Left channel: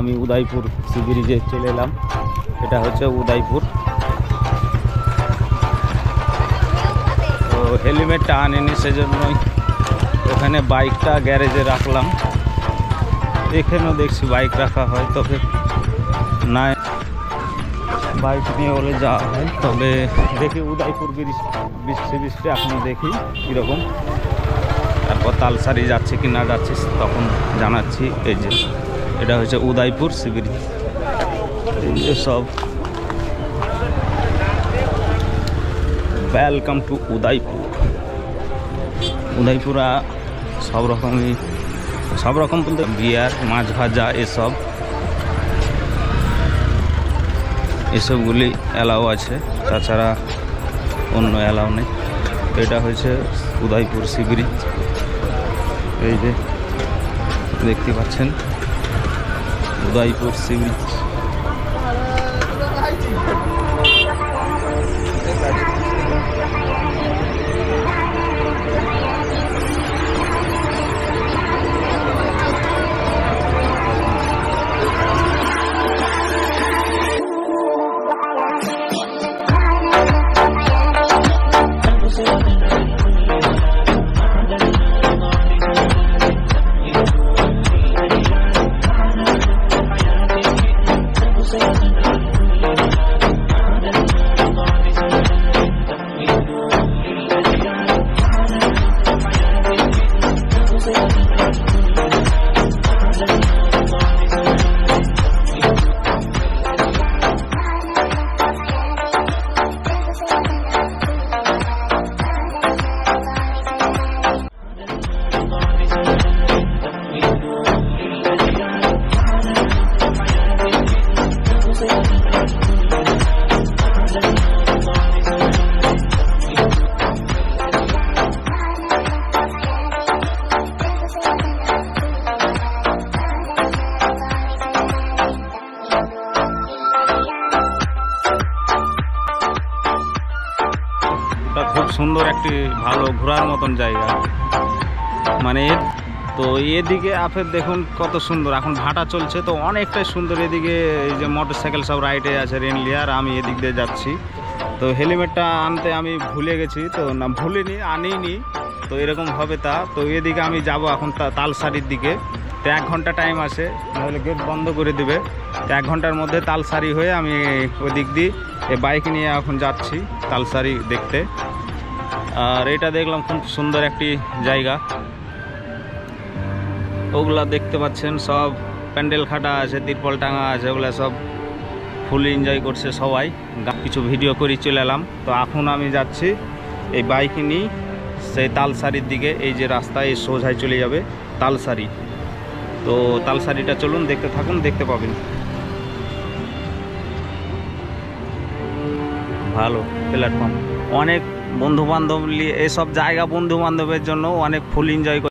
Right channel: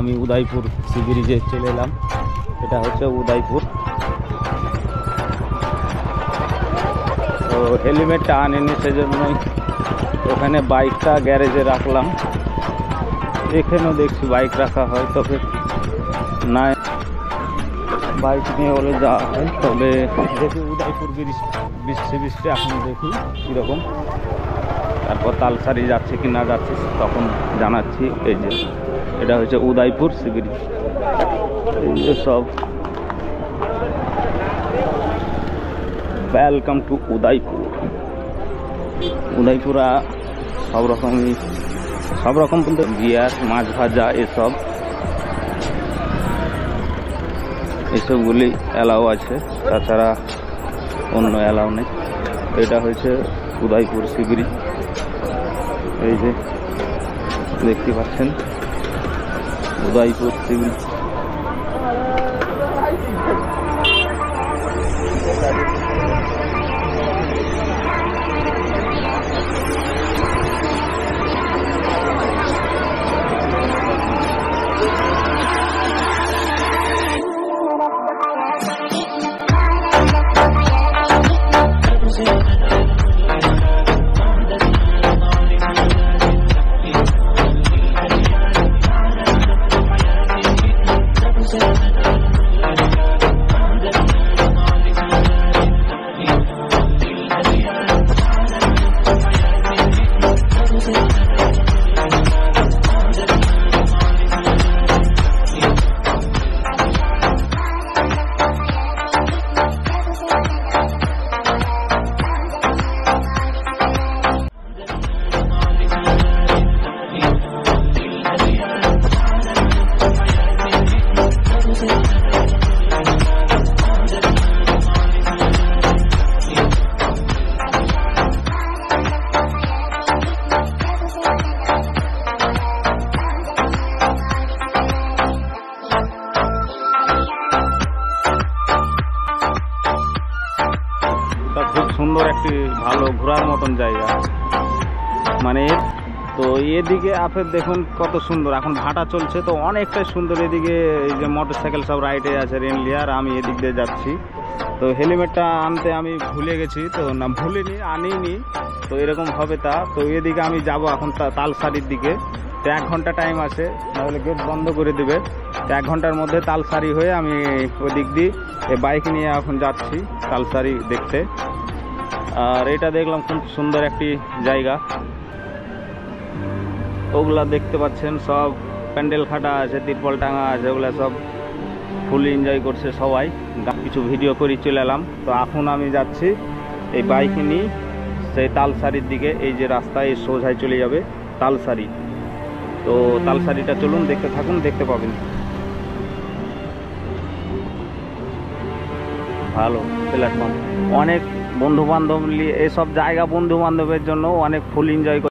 আমি উদয়পুর সি ব্রিজে চলে এলাম। এটা হচ্ছে উদয়পুর। তো হেলমেটটা আনিনি, সেজন্যই ওখানে বাইকটা গ্যারেজে রাখলাম। এখানেও দেখছি বাইক রাখা হয়, তবে না বাইক নিয়ে বলে যাওয়া হয়। তবে দেখি উদয়পুর সি ব্রিজটা এখনও দেখি কীরকম, তারপর তালসারি যাচ্ছে কি না যাচ্ছে তখন জানাচ্ছি। এই যে এটা হচ্ছে উদয়পুর সি ব্রিজ। এই যে সব ওয়েলকাম টু উদয়পুর। উদয়পুরা সব রকম বলতে বিয়ার, মাছ ভাজা এসবগুলি অ্যালাউ আছে, তাছাড়া অন্য অ্যালাউ নেই। এটা হচ্ছে উদয়পুর সি ব্রিজ। এই যে দেখতে পাচ্ছেন উদয়পুর সি ব্রিজ। খুব সুন্দর একটি ভালো ঘোরার মতন জায়গা, মানে তো এদিকে আপের দেখুন কত সুন্দর। এখন ভাটা চলছে তো অনেকটাই সুন্দর। এদিকে এই যে মোটরসাইকেল সব রাইডে আছে রেনলি, আর আমি এদিক দিয়ে যাচ্ছি। তো হেলমেটটা আনতে আমি ভুলে গেছি, তো না ভুলিনি, আনিনি, তো এরকম হবে তা। তো এদিকে আমি যাব এখন তালসারির দিকে। তো 1 ঘন্টা টাইম আছে, নাহলে গেট বন্ধ করে দেবে। 1 ঘন্টার মধ্যে তালসারি হয়ে আমি ওই দিক দিয়ে বাইক নিয়ে এখন যাচ্ছি তালসারি দেখতে। আর এটা দেখলাম খুব সুন্দর একটি জায়গা। ওগুলা দেখতে পাচ্ছেন সব প্যান্ডেল খাটা আছে, তিরপল টাঙা আছে, ওগুলা সব ফুল এনজয় করছে সবাই। কিছু ভিডিও করে চলে এলাম। তো এখন আমি যাচ্ছি এই বাইক নিয়ে সেই তালসারির দিকে। এই যে রাস্তা, এই সোজায় চলে যাবে তালসারি। তো তালসারিটা চলুন দেখতে থাকুন, দেখতে পাবেন। ভালো প্ল্যাটফর্ম, অনেক বন্ধুবান্ধব নিয়ে এসব জায়গা, বন্ধুবান্ধবের জন্য অনেক ফুল এনজয়